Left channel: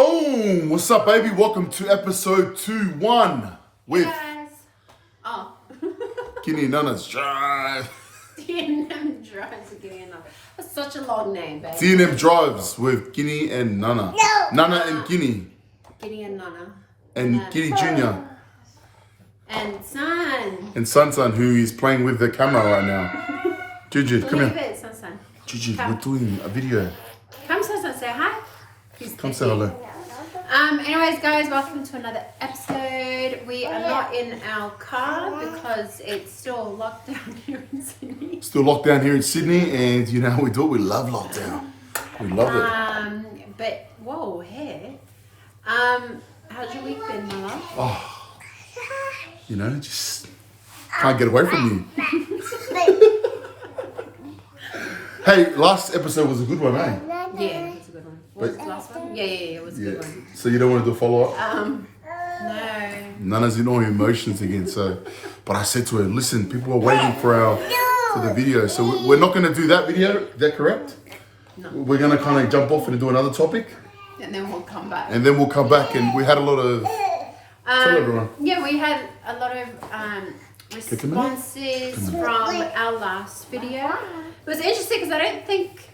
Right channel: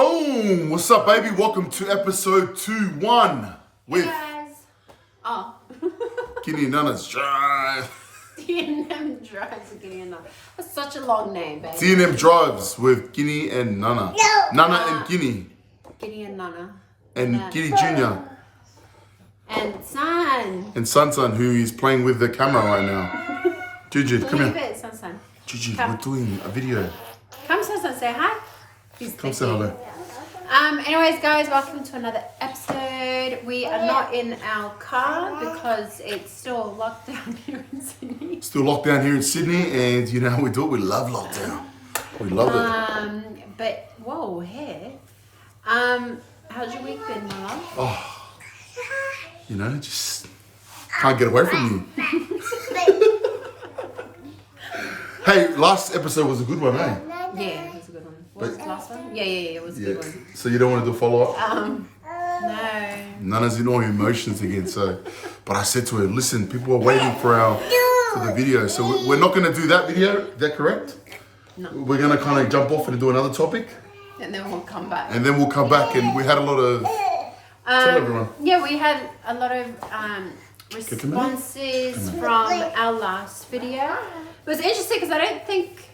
Boom! What's up, baby? Welcome to episode 2-1 with Guys. Oh. Kini and Nana's Drive. T&M Drives again. That's such a long name, baby. T&M Drives with Kini and Nana. No. Nana and Kini. Kini and Nana. And Kini Jr. And Son. And Sun, who is playing with the camera right now. Juju, come Believe here. it, Son. Juju, we're doing a video. Come, Son, say hi. Come say hello. Anyways, guys, welcome to another episode. We are not in our car because it's still locked down here in Sydney. Still locked down here in Sydney, and you know how we do it. We love lockdown. We love it. But whoa, hair. How's your week been, my love? Oh, you know, just can't get away from you. Hey, last episode was a good one, eh? Yeah, it was a good one. What was the last one? Yeah, it was a good one. So you don't want to do a follow-up? No. Nana's in all her emotions again. So, but I said to her, listen, people are waiting for the video. So we're not going to do that video. Is that correct? No. We're going to kind of jump off and do another topic. And then we'll come back. And then we'll come back, and we had a lot of. Tell everyone. Yeah, we had a lot of responses from our last video. It was interesting because I don't think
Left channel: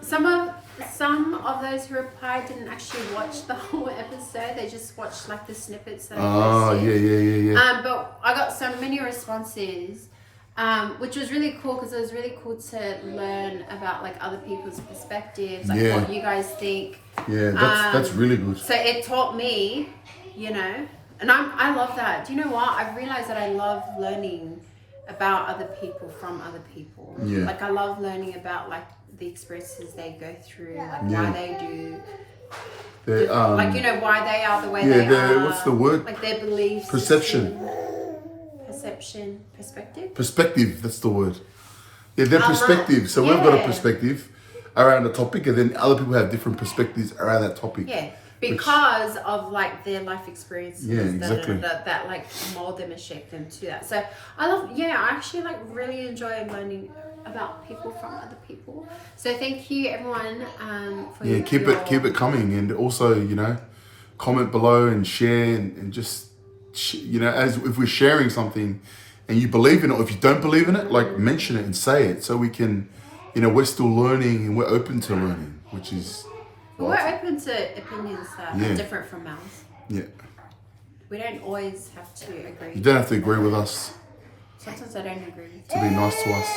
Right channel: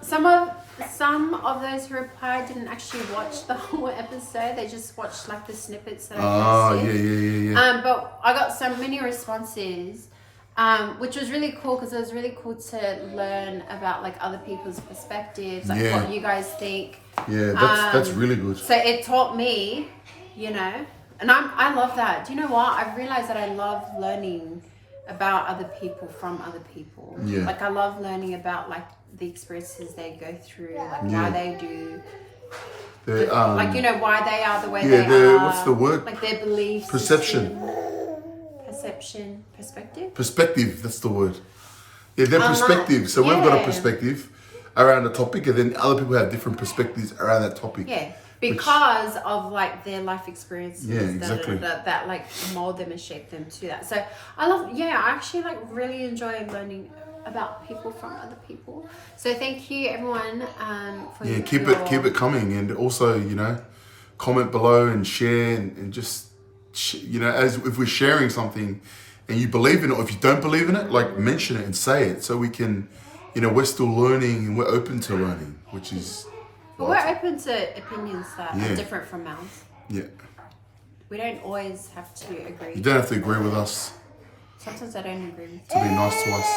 some of those who replied didn't actually watch the whole episode. They just watched like the snippets that I posted. Yeah. But I got so many responses, which was really cool because it was really cool to learn about like other people's perspectives, like what you guys think. Yeah, that's really good. So it taught me, you know, and I love that. Do you know what? I've realized that I love learning about other people from other people. Yeah. Like I love learning about like the experiences they go through, like why they do. Like, you know, why they are the way they are. What's the word? Like their beliefs. Perception. Perspective? Perspective, that's the word. Yeah, their perspective. So we've got a perspective around a topic, and then other people have different perspectives around that topic. Yeah, because of like their life experiences. Yeah, exactly. That like mold them and shape them to that. So I actually like really enjoy learning about people from other people. So thank you everyone for keep it coming, and also, you know, comment below and share and just you know, as if we're sharing something and you believe in it, or if you don't believe in it, like mention it and say it, so we can, you know, we're still learning and we're open to learning, which is we're open to opinions that are different from ours. Yeah, we don't always have to agree. You don't have to agree with us. Sometimes I don't agree. To be nice to us.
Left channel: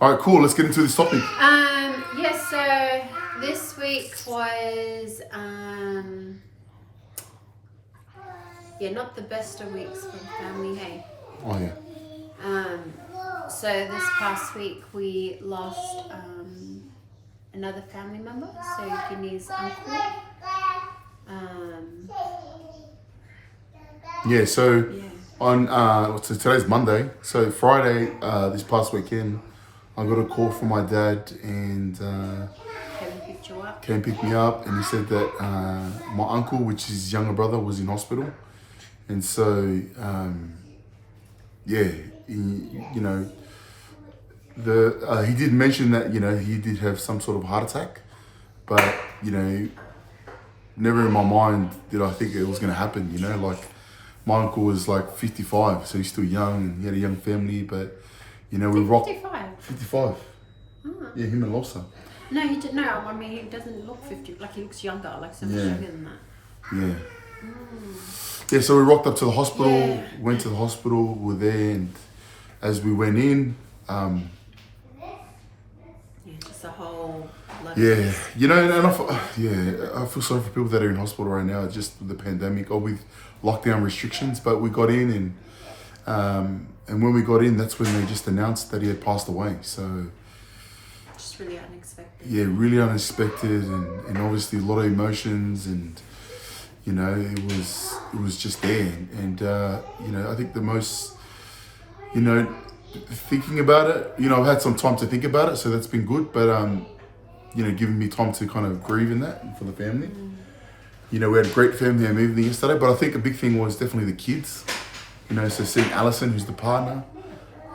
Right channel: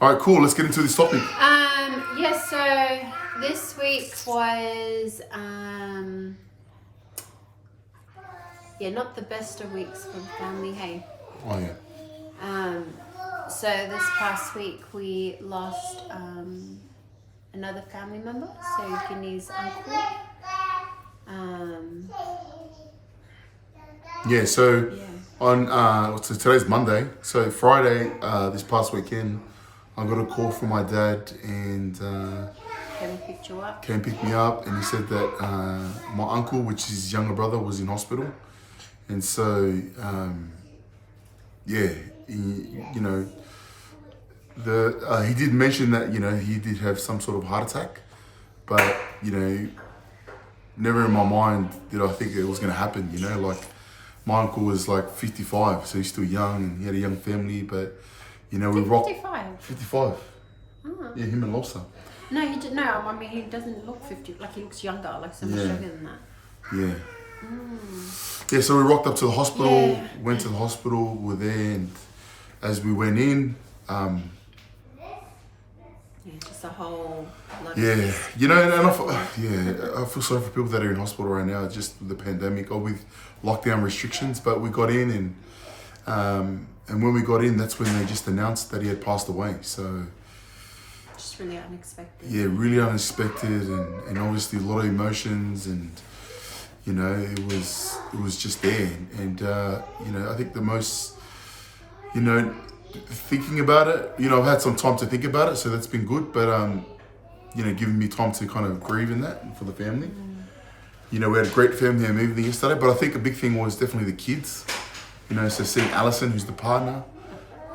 All right, cool. Let's get into this topic. So this week was not the best of weeks for the family, hey. Oh yeah. So this past week we lost another family member, so Kini's uncle. On so today's Monday. So Friday, this past weekend, I got a call from my dad, and came pick me up, and he said that my uncle, which is his younger brother, was in hospital, and so you know, he did mention that, you know, he did have some sort of heart attack, but, you know, never in my mind did I think it was going to happen. You know, like my uncle was like 55, so he's still young and he had a young family, but, you know, we rocked 55. Oh. Yeah, him and Losa. No, he didn't. No, I mean, he doesn't look 50. Like, he looks younger, like so much younger than that. Yeah. Yeah, so we rocked up to the hospital, went to the hospital, we were there, and as we went in, just a whole you know, and I feel sorry for people that are in hospital right now, just with the pandemic or with lockdown restrictions. But we got in, and when we got in, that's when they just announced that he had passed away. So just really unexpected. Yeah, really unexpected, and obviously a lot of emotions, and you know, it was just there, and you know, I think the most, you know, thinking about it, you know, I've had some time to think about it, so that's been good, but you know, giving me time to kind of grieve in that for the family. You know, we had a great family evening yesterday, but I think a big thing was definitely the kids. You know, so seeing Alison, who's the partner,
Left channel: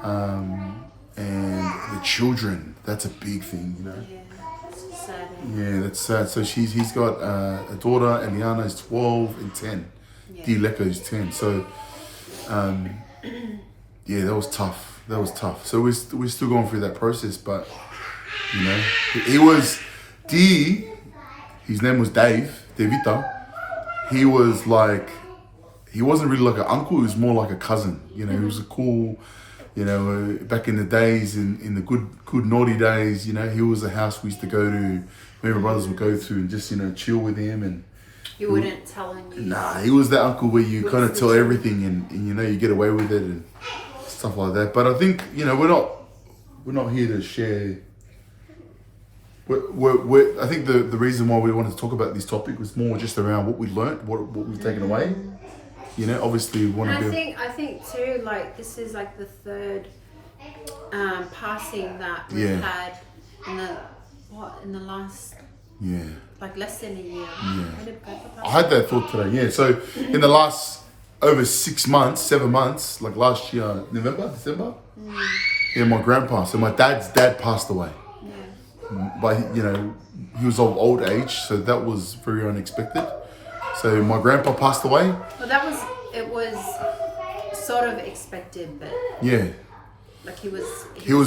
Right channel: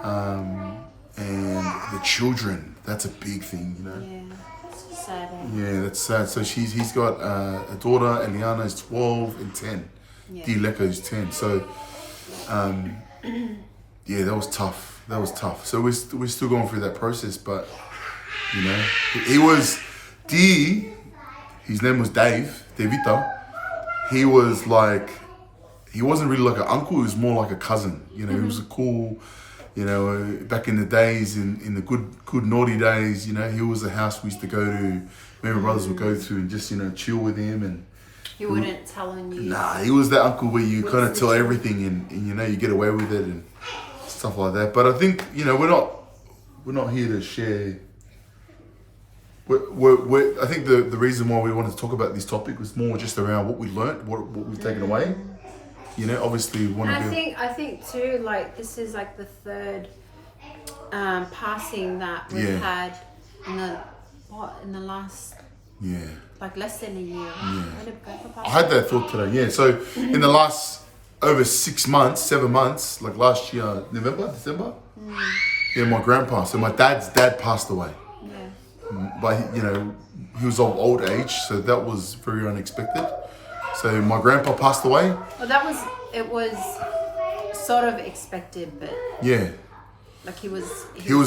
and the children, that's a big thing, you know. Yeah. sad. Yeah, that's sad. So he's got a daughter, Eliana is 12 and 10. Yeah. Dileka is 10. So, yeah, that was tough. That was tough. So we're still going through that process, but, you know, he was, his name was Devita. He was like, he wasn't really like an uncle, he was more like a cousin. You know, he was a cool, you know, back in the days, in the good naughty days, you know, he was a house we used to go to, me and my brothers would go to and just, you know, chill with him. And he wouldn't tell on you. Nah, he was that uncle where you kind of tell everything and, you know, you get away with it and stuff like that. But I think, you know, we're not here to share. I think the reason why we wanted to talk about this topic was more just around what we learnt, what we've taken away. You know, obviously we want to be. I think too, like this is like the third passing that we've had in the last like less than a year. I had that thought today. Yeah, so in the last over 6 months, 7 months, like last year, November, December. Yeah, my grandpa. So my dad's dad passed away. But, you know, he was of old age, so that was very unexpected. So my grandpa passed away. Well, it was sort of expected, but yeah, like he was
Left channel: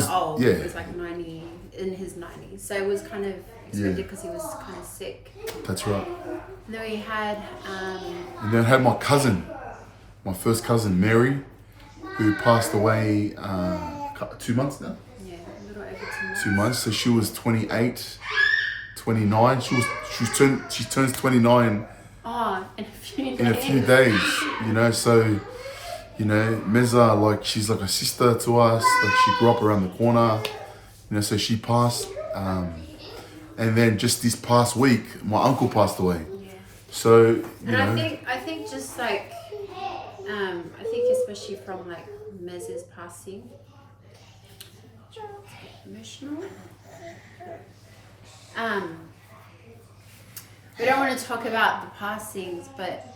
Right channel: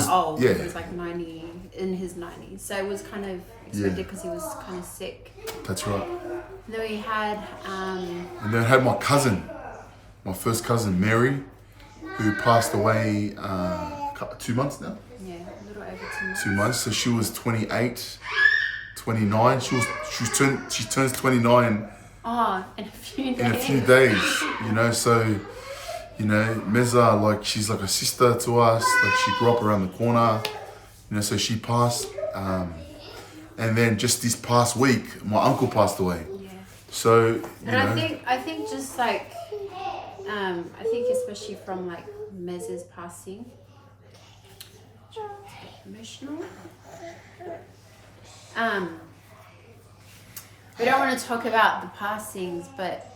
old. Yeah, he was like 90, in his 90s, so it was kind of expected because he was kind of sick. That's right. And then we had and then I had my first cousin Mary, who passed away 2 months now. 2 months. So she was 28, 29. She turns 29 in a few days, you know. So, you know, Meza, like, she's like a sister to us. Like, she grew up around the corner, you know. So she passed, and then just this past week, my uncle passed away. So, you know, I think just like I think especially from like Mez's passing. Emotional. We don't want to talk about the passings, but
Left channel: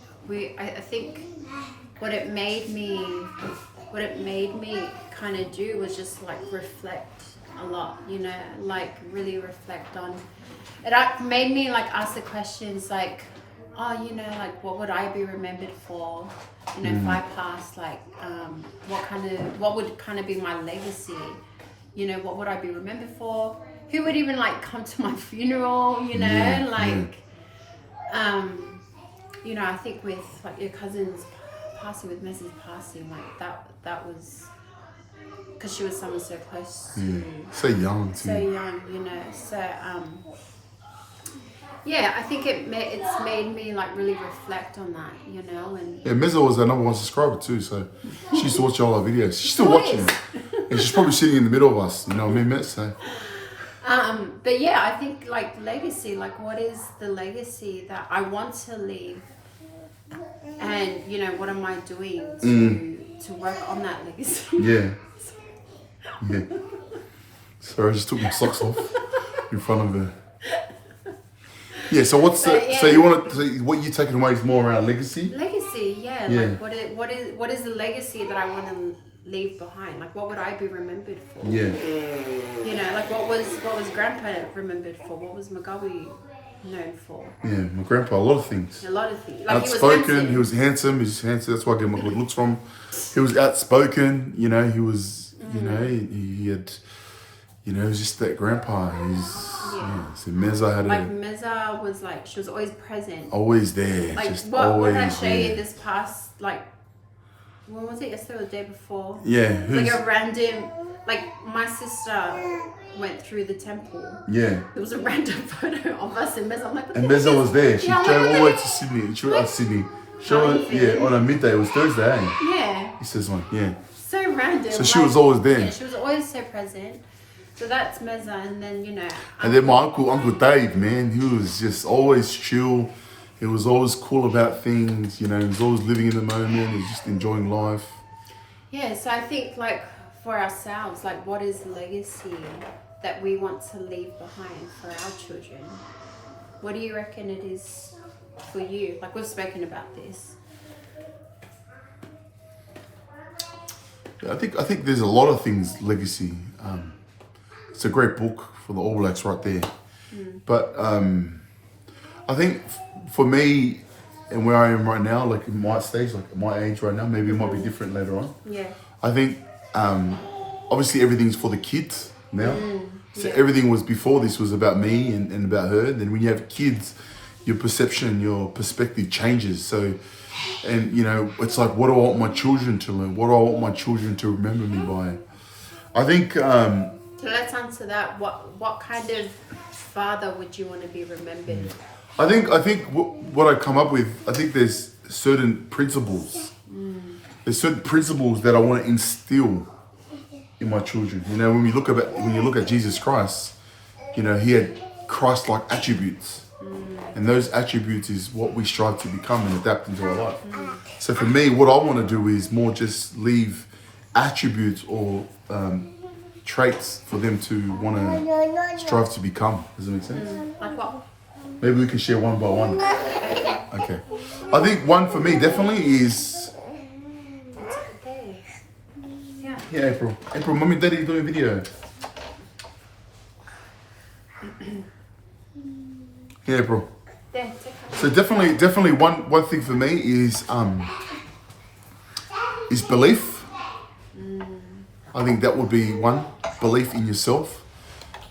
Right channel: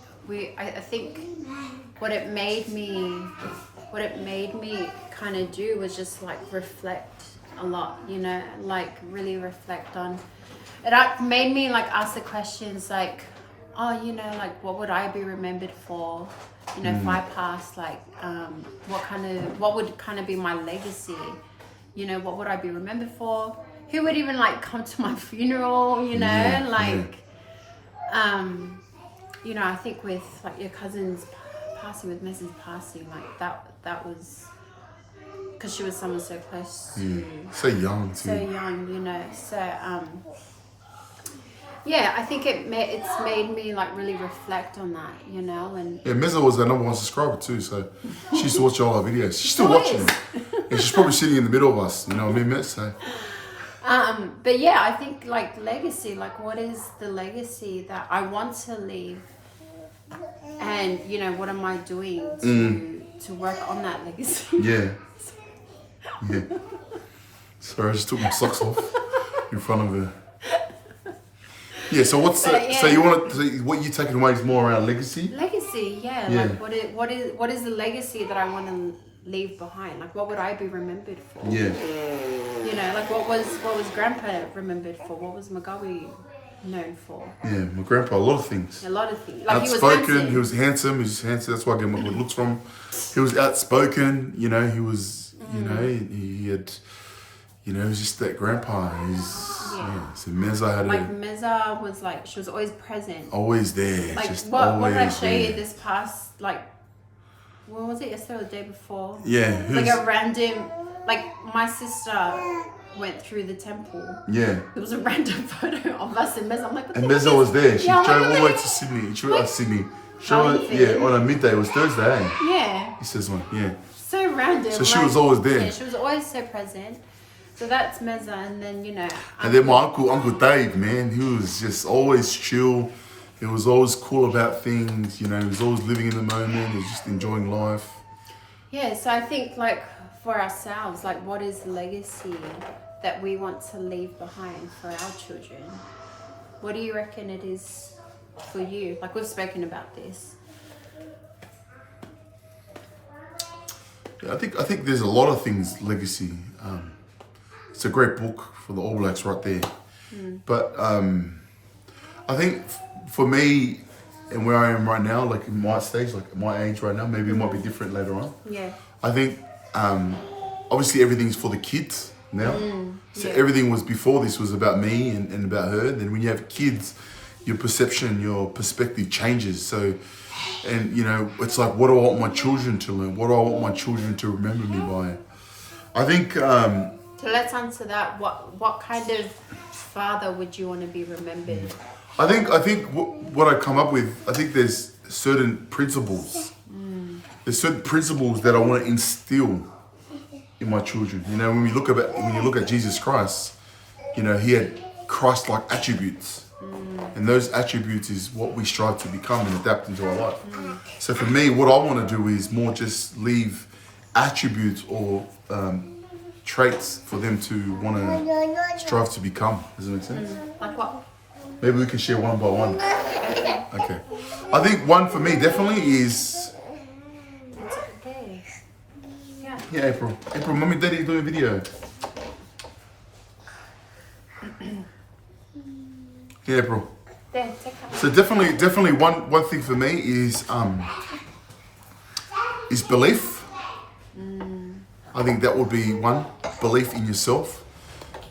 I think what it made me kind of do was just like reflect a lot, you know, like really reflect on it. Made me like ask the questions like, oh, you know, like what would I be remembered for? You know, if I passed, like what would kind of be my legacy? You know, what would I be remembered for? Who would even like come to my funeral? You know, you know, I think with like your cousin's passing, with Mrs. passing, like that was because she was someone so close to, so young, you know. So yeah, I think it's made me like really reflect on that, you know. And yeah, Meza was our #1 subscriber too, so she used to watch all our videos. She's still watching it. And she's probably sitting in the middle of us, you know what I mean, so. But yeah, I think like legacy, like what is the legacy that I want to leave? And, you know, what am I doing to work on that legacy? Yeah. Yeah. Sorry, I just took my socks off in front of her. Yeah, so what's so you want to, what you're taking away is more around legacy? Legacy, yeah. Like what is the legacy that I want to leave behind? Like what would I be remembered for? Yeah. You know, like what was Grandpa remembered for? What was Magawi known for? Yeah, my grandpa, a lot of things. A lot of things. Like outspoken, he was handsome, that's where I get my good looks from. He was outspoken, you know, he was, you know, he had, you know, he was just that grandpa. So Meza had Meza was like, she was always present. Always there, like, just what always did I show there. you this past, like, when was it, yesterday or the day before? Yeah. Like a random, like my sister went through the temple. Yeah. There was a random photo of us and Meza. I'm like, and Meza was there. She drove all the way to Sydney. She was Sydney. On a midday. It was Thursday. Eh? Yeah. He says one. Yeah. So random. So she was always there. Yeah, she was always so present. So that's Meza, and then, you know. And then my Uncle Dave, man, he was just always chill. He was always cool about things, you know, he was always living in the moment, he was just enjoying life. Yeah, so I think like for ourselves, like what is legacy that we want to leave behind for our children? What do you reckon it is for you? Like we've spoken about this. Yeah, I think there's a lot of things, legacy. It's a great book for the All Blacks right there. But I think for me and where I am right now, like in my stage, like my age right now, maybe it might be different later on. Yeah. I think obviously everything's for the kids now. So Yeah. everything was before this was about me and about her. And then when you have kids, your perception, your perspective changes. So, and you know, it's like, what do I want my children to learn? What do I want my children to remember me by? I think. So let's answer that. What kind of father would you want to be remembered? I think what I come up with, I think there's certain principles. There's certain principles that I want to instill in my children. You know, when you look at Jesus Christ, you know, he had Christ-like attributes. And those attributes is what we strive to become and adapt into our life. So for me, what I want to do is more just leave attributes or traits for them to want to strive to become. Does that make sense? Like what? Maybe we can share one by one. Okay. I think one for me definitely is... Yeah, April. April, Mummy and Daddy doing a video. Yeah, April. So definitely one thing for me is belief. I think that would be one. Belief in yourself.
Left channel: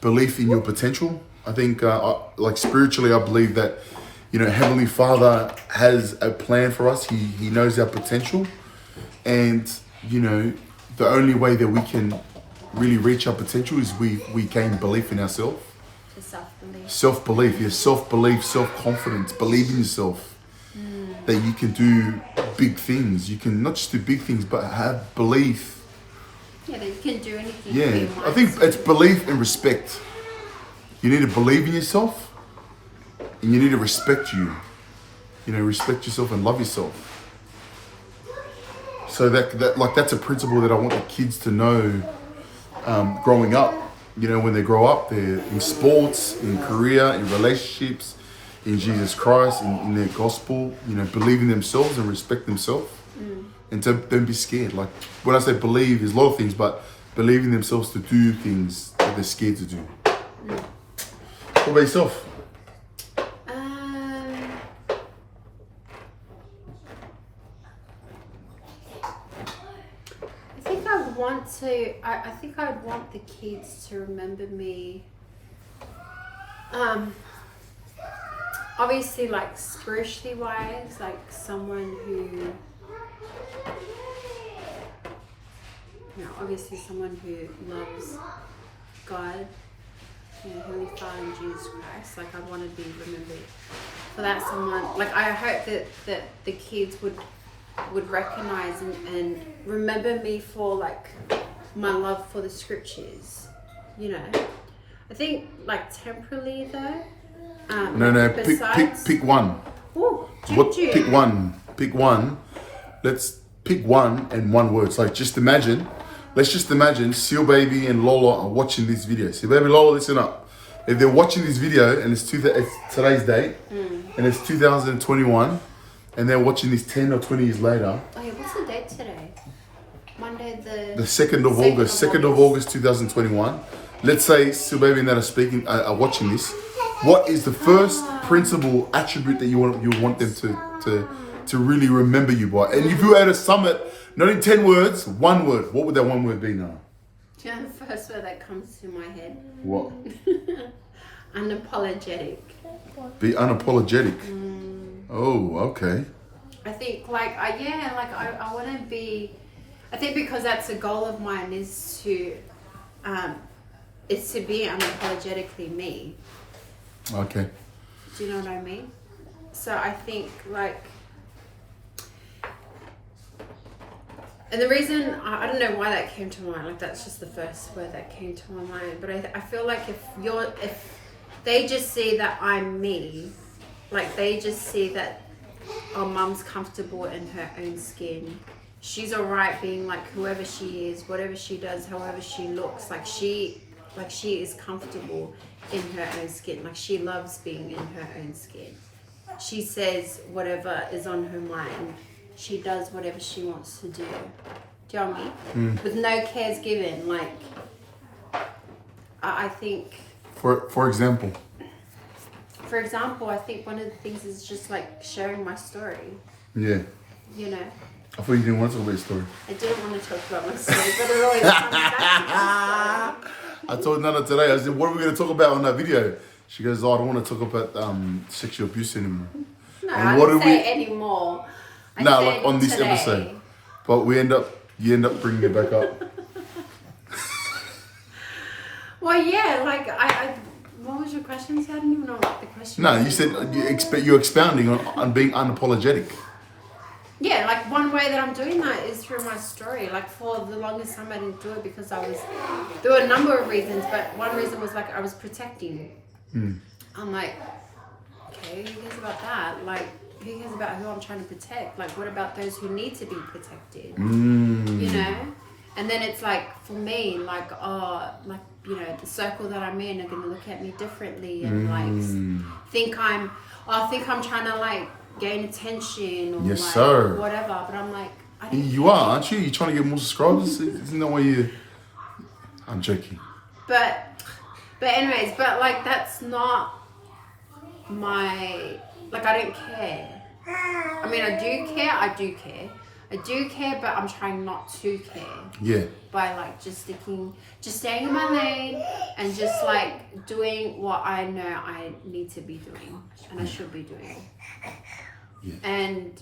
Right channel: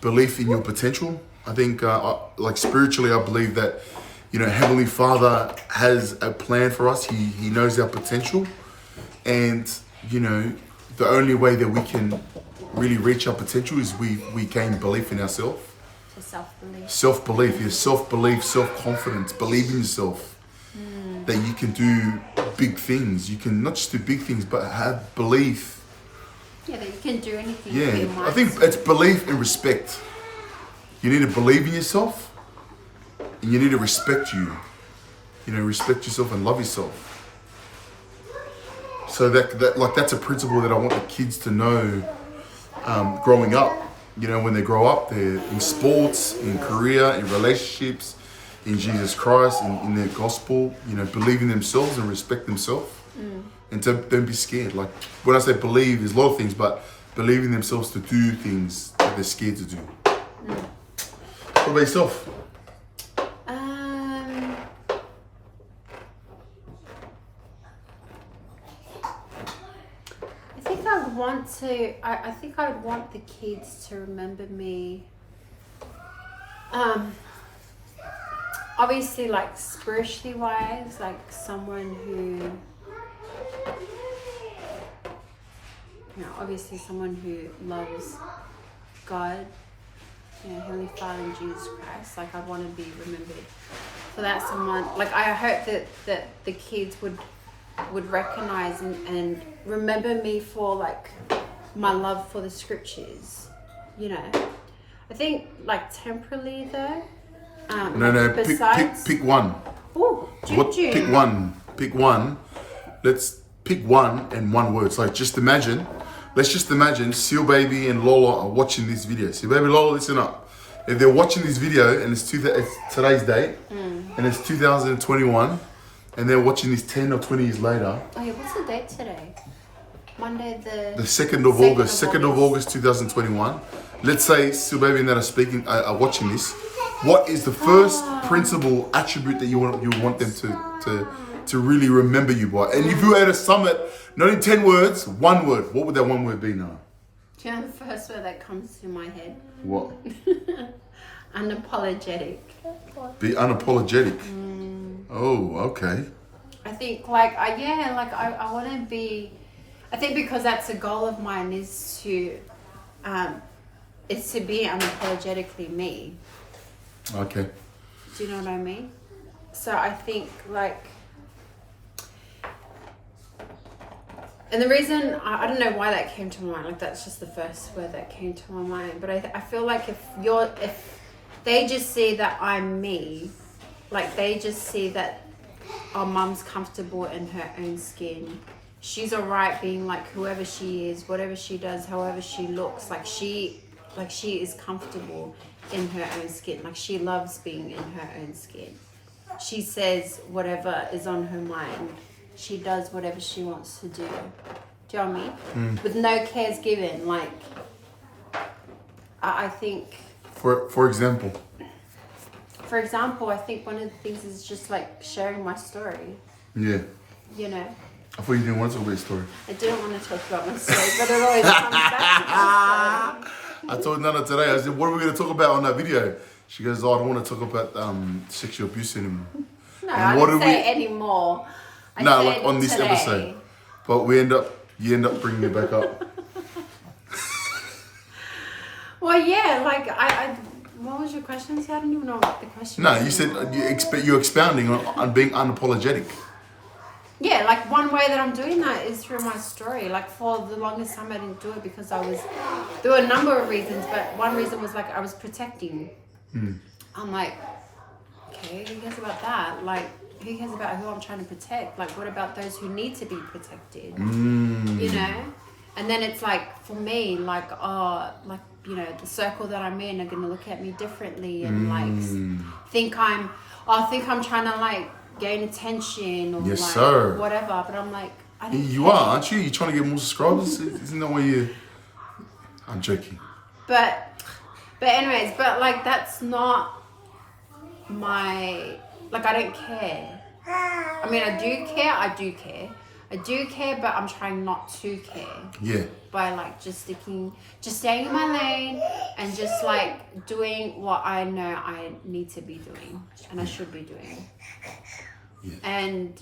Belief in your potential. I think like spiritually, I believe that, you know, Heavenly Father has a plan for us. He knows our potential. And, you know, the only way that we can really reach our potential is we gain belief in ourselves. Self-belief. Self-belief, yeah, self-belief, self-confidence, believe in yourself. That you can do big things. You can not just do big things, but have belief. Yeah, that you can do anything. Yeah, I think it's belief and respect. You need to believe in yourself, and you need to respect you. You know, respect yourself and love yourself. So that's a principle that I want the kids to know growing up. You know, when they grow up, they're in sports, in career, in relationships, in Jesus Christ, in their gospel, you know, believe in themselves and respect themselves. And to don't be scared. Like when I say believe, there's a lot of things, but believing themselves to do things that they're scared to do. What about yourself? I think I would want the kids to remember me. Obviously, like spiritually wise, like someone who, you know, obviously someone who loves God, you know, Holy Father and Jesus Christ. Like I want to be remembered for that. Someone like I hope that the kids would recognize and remember me for like my love for the scriptures, you know. I think like temporally though. No. Pick one. Ooh, Pick one. Let's pick one and one word. So let's just imagine Seal Baby and Lola are watching this video. Seal Baby, Lola, listen up. If they're watching this video and it's today's date and it's 2021. And they're watching this 10 or 20 years later. Oh yeah, what's the date today? Monday the 2nd of August. 2nd of August 2021. Let's say Seal Baby and that are watching this. What is the first principal attribute that you want them to really remember you by? And if you had to sum it, not in 10 words, one word, what would that one word be now? Do you know the first word that comes to my head? What? Unapologetic. Be unapologetic. Oh, okay. I think I want to be. I think because that's a goal of mine is to be unapologetically me. Okay. Do you know what I mean? So I think like, and the reason I don't know why that came to my mind. Like that's just the first word that came to my mind. But I feel like if they just see that I'm me. Like they just see that our mum's comfortable in her own skin. She's alright being like whoever she is, whatever she does, however she looks. Like she is comfortable in her own skin. Like she loves being in her own skin. She says whatever is on her mind. She does whatever she wants to do. Do you know what I mean? With no cares given. Like I think. For example. for example, I think one of the things is just like sharing my story. Yeah. You know. I thought you didn't want to talk about your story. I didn't want to talk about my story, but it always comes back to my story. I told Nana today, I said, what are we going to talk about on that video? She goes, oh, I don't want to talk about sexual abuse anymore. No, and I what didn't did say anymore. No, like on this episode. But you end up bringing it back up. Well, yeah, like what was your question? I didn't even know what the question No, was. you said you're expounding on being unapologetic. Yeah, like one way that I'm doing that is through my story. Like for the longest time I didn't do it because there were a number of reasons, but one reason was like I was protecting. I'm like, okay, who cares about that? Like, who cares about who I'm trying to protect? Like, what about those who need to be protected? You know? And then it's like, for me, like, oh, like, you know, the circle that I'm in are going to look at me differently and like think I'm trying to like gain attention or Yes, like sir. whatever. But I'm like, I don't You are, aren't you? You're trying to get more subscribers? Isn't that why you... I'm joking. But anyways, but like that's not my, like I don't care. I mean, I do care, but I'm trying not to care. Yeah. By like just staying in my lane and just like doing what I know I need to be doing and I should be doing. Yeah. And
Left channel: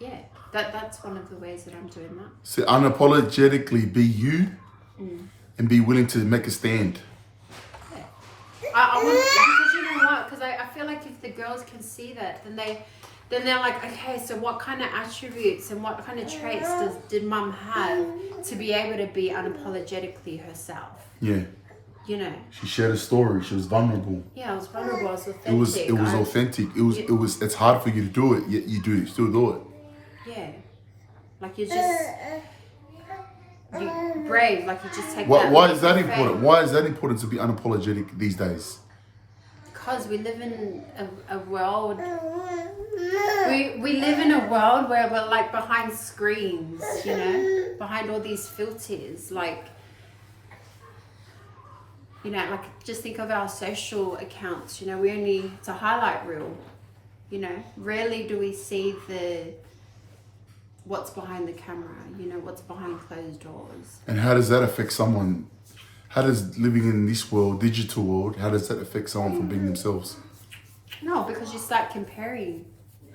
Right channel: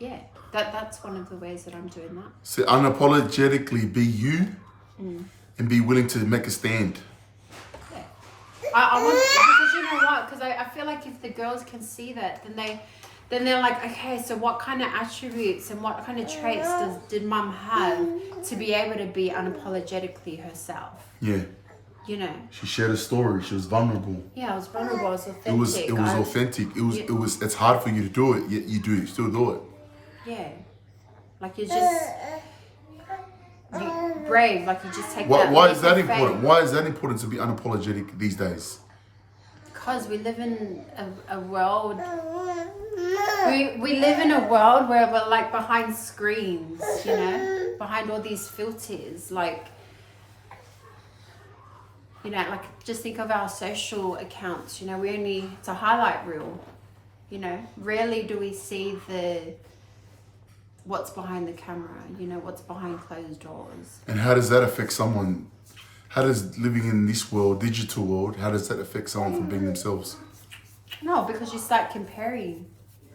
yeah, that's one of the ways that I'm doing that. So unapologetically be you and be willing to make a stand. Yeah. I want, because you know what? Because I feel like if the girls can see that, then they're like, okay, so what kind of attributes and what kind of traits did mum have to be able to be unapologetically herself? Yeah. You know. She shared a story. She was vulnerable. Yeah, I was vulnerable. I was authentic. It was authentic. It's hard for you to do it, yet you still do it. Yeah. Like you're brave. Like you just take. Why is that important? Why is that important to be unapologetic these days? Because we live in a world. We live in a world where we're like behind screens, you know, behind all these filters, like. You know, like just think of our social accounts, you know, it's a highlight reel, you know, rarely do we see what's behind the camera, you know, what's behind closed doors. And how does that affect someone? How does living in this world, digital world, how does that affect someone from being themselves? No, because you start comparing.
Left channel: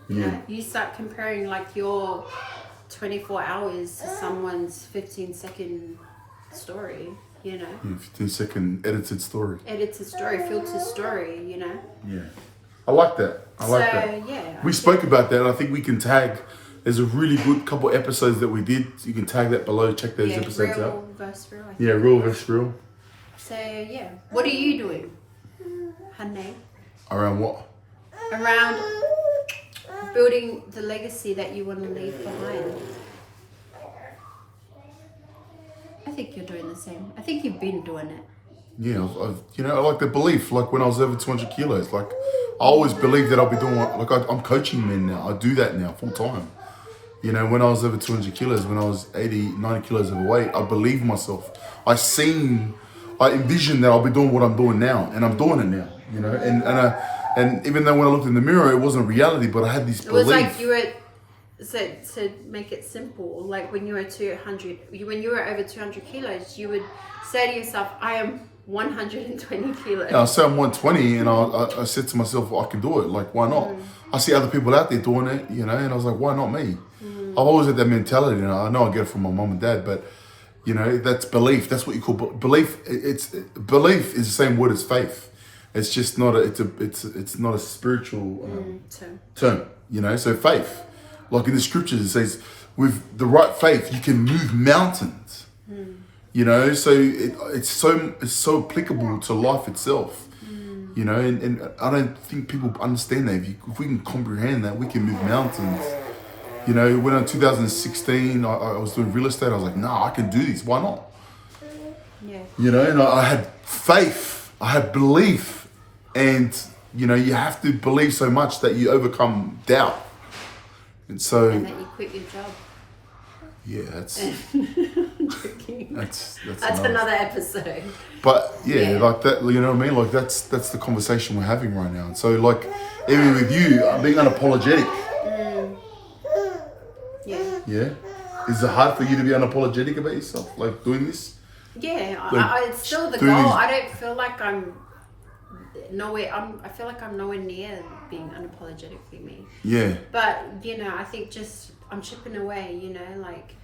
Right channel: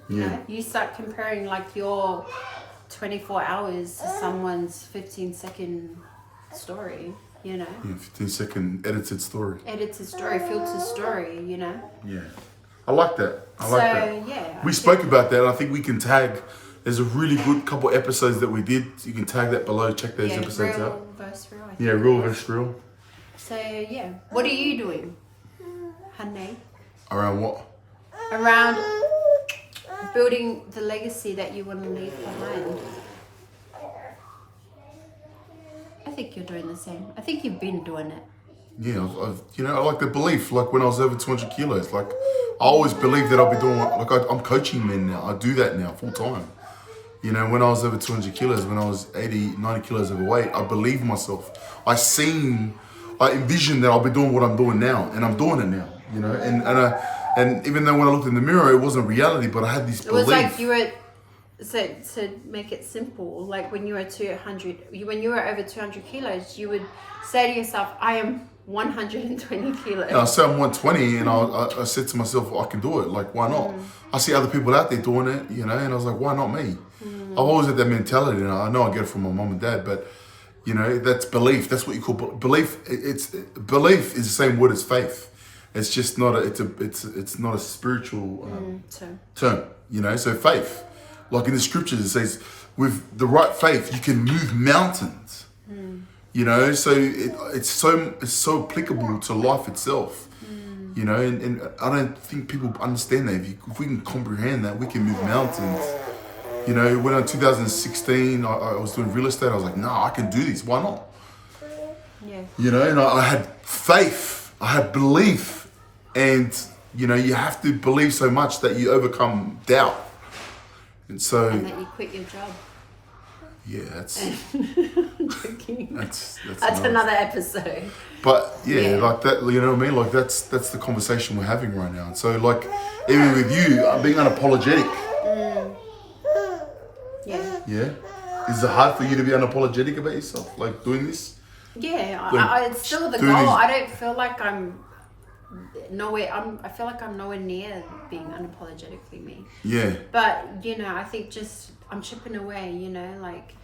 Yeah. You know? You start comparing like your 24 hours to someone's 15-second story. You know, 15-second edited story. Edited story, filtered story, you know. Yeah, I like that. I like that. Yeah, we spoke about that. And I think we can tag. There's a really good couple episodes that we did. You can tag that below. Check those episodes real out. Versus real, Yeah, real versus real. So yeah, what are you doing, honey? Around what? Around building the legacy that you want to leave behind. I think you're doing the same. I think you've been doing it. Yeah, I like the belief. Like when I was over 200 kilos, like I always believed that I'll be doing. Like I'm coaching men now. I do that now full time. You know, when I was over 200 kilos, when I was 80, 90 kilos overweight, I believed myself. I envisioned that I'll be doing what I'm doing now, and I'm doing it now. You know, and even though when I looked in the mirror, it wasn't reality, but I had this belief. It was like you were. So to make it simple, like when you were over 200 kilos, you would say to yourself, I am 120 kilos. Yeah, I said I'm 120 and I said to myself, well, I can do it. Like, why not? I see other people out there doing it, you know, and I was like, why not me? I've always had that mentality, and I know I get it from my mom and dad, but you know, that's belief. That's what you call belief. Belief is the same word as faith. It's just not it's not a spiritual term, you know. So faith. Like in the scriptures, it says, with the right faith, you can move mountains. You know, so it's so applicable to life itself. You know, and I don't think people understand that. If we can comprehend that, we can move mountains. You know, when in 2016, I was doing real estate, I was like, nah, I can do this. Why not? Yeah. You know, and I had faith, I had belief, and you know, you have to believe so much that you overcome doubt. And that you quit your job. Yeah, that's I'm joking. that's Another episode. But yeah, Yeah. like that, you know what I mean? Like that's the conversation we're having right now. And so like, even with you, I'm being unapologetic. Yeah. Yeah. Is it hard for you to be unapologetic about yourself, like doing this? Yeah, Like, it's still the doing goal. these- I don't feel like I'm nowhere. I feel like I'm nowhere near being unapologetically me. Yeah. But you know, I think just I'm chipping away. You know, like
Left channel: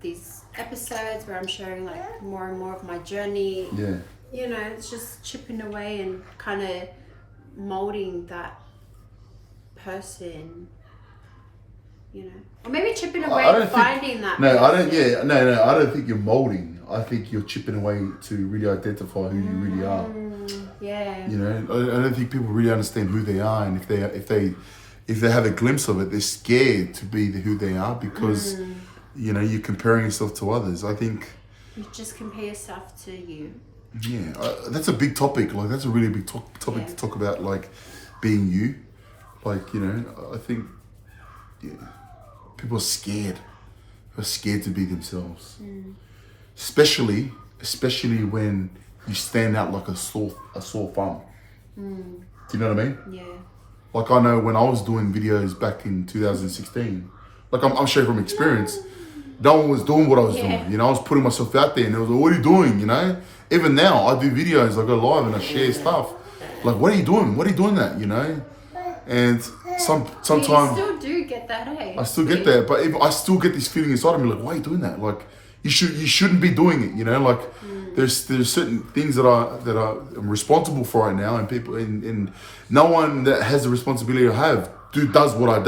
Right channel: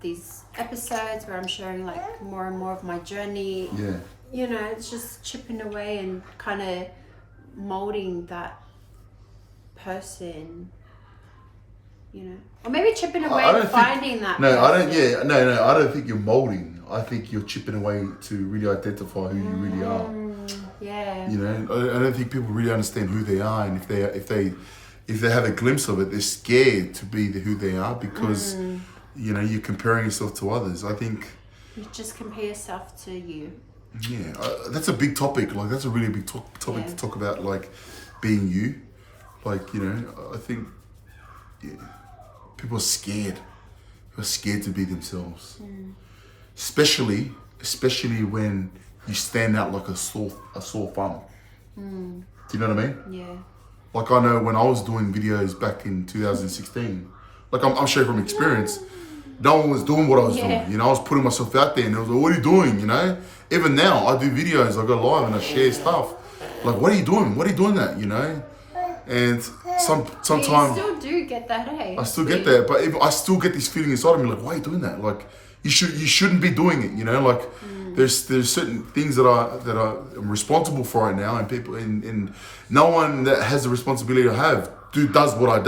these episodes where I'm sharing like more and more of my journey. Yeah. You know, it's just chipping away and kind of molding that person. You know, or maybe chipping away and finding that. No, I person. don't. Yeah, no. I don't think you're molding. I think you're chipping away to really identify who you really are. Yeah. You know, I don't think people really understand who they are, and if they have a glimpse of it, they're scared to be who they are because you know you're comparing yourself to others. I think You just compare yourself to you. yeah, that's a big topic. Like that's a really big topic to talk about. Like being you, like you know, I think yeah, people are scared. They're scared to be themselves, especially when you stand out like a sore thumb. Do you know what I mean? Yeah. Like I know when I was doing videos back in 2016, like I'm sharing from experience, no one was doing what I was doing. You know, I was putting myself out there and they was like, what are you doing? You know, even now I do videos, I go live and I share stuff. Like, what are you doing? What are you doing that? You know? And sometimes You still do get that, eh? I still get that, but I still get this feeling inside of me, like, why are you doing that? Like, you shouldn't be doing it, you know? Like, there's certain things that I'm responsible for right now, and people, and no one that has the responsibility I have does what I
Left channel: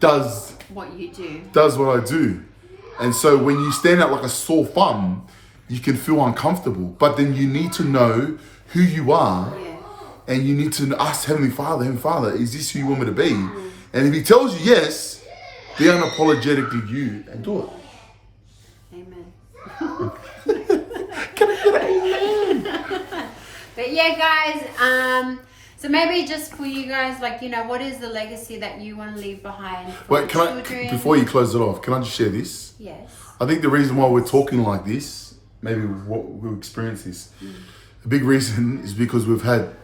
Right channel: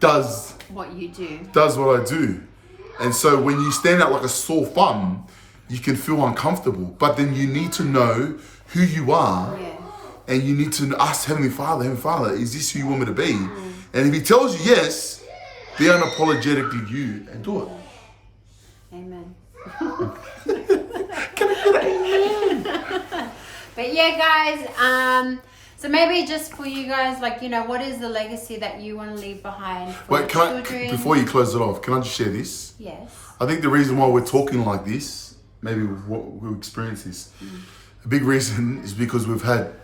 does What you do. does what I do, and so when you stand out like a sore thumb, you can feel uncomfortable, but then you need to know who you are. Yeah. And you need to ask Heavenly Father, is this who you want me to be? And if He tells you yes, be unapologetically you and do it. Amen. Can I get an amen? But yeah, guys, so maybe just for you guys, like, you know, what is the legacy that you want to leave behind for Wait, your children? before you close it off, can I just share this? Yes. I think the reason why we're talking like this, maybe what we'll experience this, a big reason is because we've had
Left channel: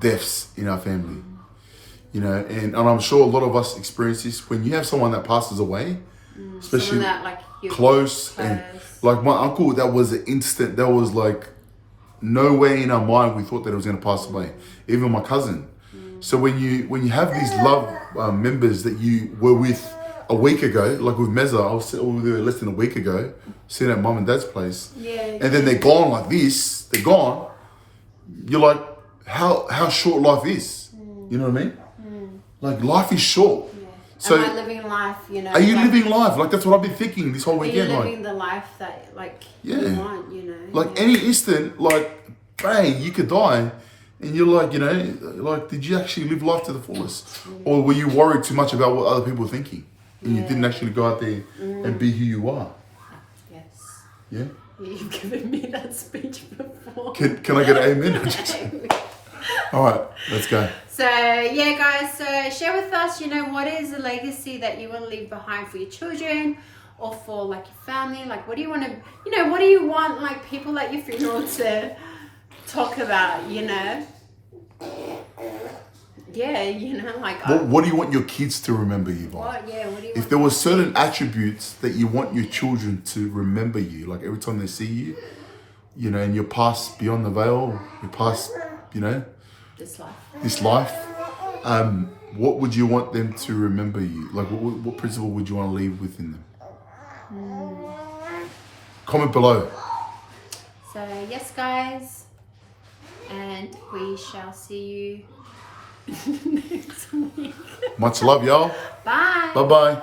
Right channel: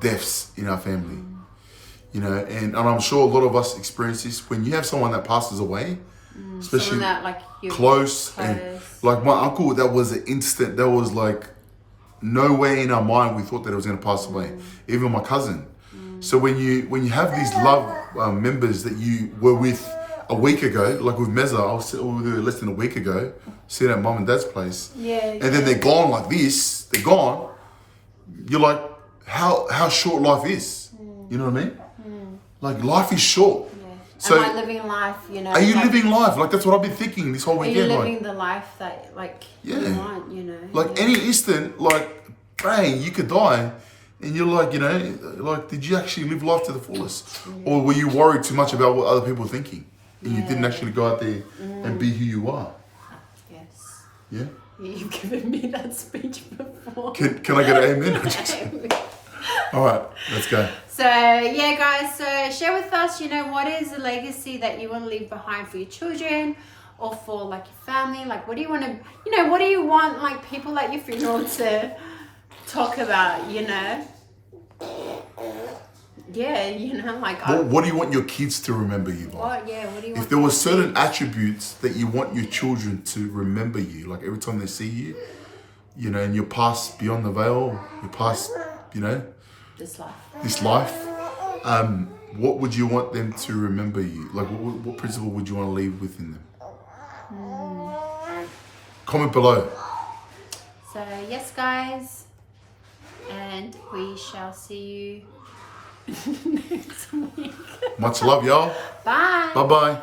deaths in our family, you know, and I'm sure a lot of us experience this when you have someone that passes away, especially that, like, you're close, and like my uncle, that was an instant. That was like no way in our mind we thought that it was going to pass away. Even my cousin. So when you have these love members that you were with a week ago, like with Meza, I was with her less than a week ago, sitting at mum and dad's place, and then they're gone like this. They're gone. You're like, how short life is. You know what I mean? Like life is short. So am I living life, you know? are you living life? Like that's what I've been thinking this whole Are you weekend. living Like, the life that, like, Yeah. you want, you know? like any instant, like bang, you could die. And you're like, you know, like, did you actually live life to the fullest? Or were you worried too much about what other people were thinking? And you didn't actually go out there and be who you are? Yes. Yeah? You've given me that speech before. Can I get an amen? All right, let's go. So yeah, guys, so share with us, you know, what is the legacy that you want to leave behind for your children or for like your family? Like, what do you want to, you know, what do you want like people at your funeral to talk about, you know? Yeah, you know, like What do you want your kids to remember you by? what do you If want there were them to certain see? attributes that you want your children to remember you, like every time they see you, you know, and you're past beyond the veil, you're past, you know, This life. this life, what would you want them to remember you? Like, what principle would you want to leave within them? Comment below. So yes, guys, and we shall see you next week. Much love, y'all. Bye. Bye-bye.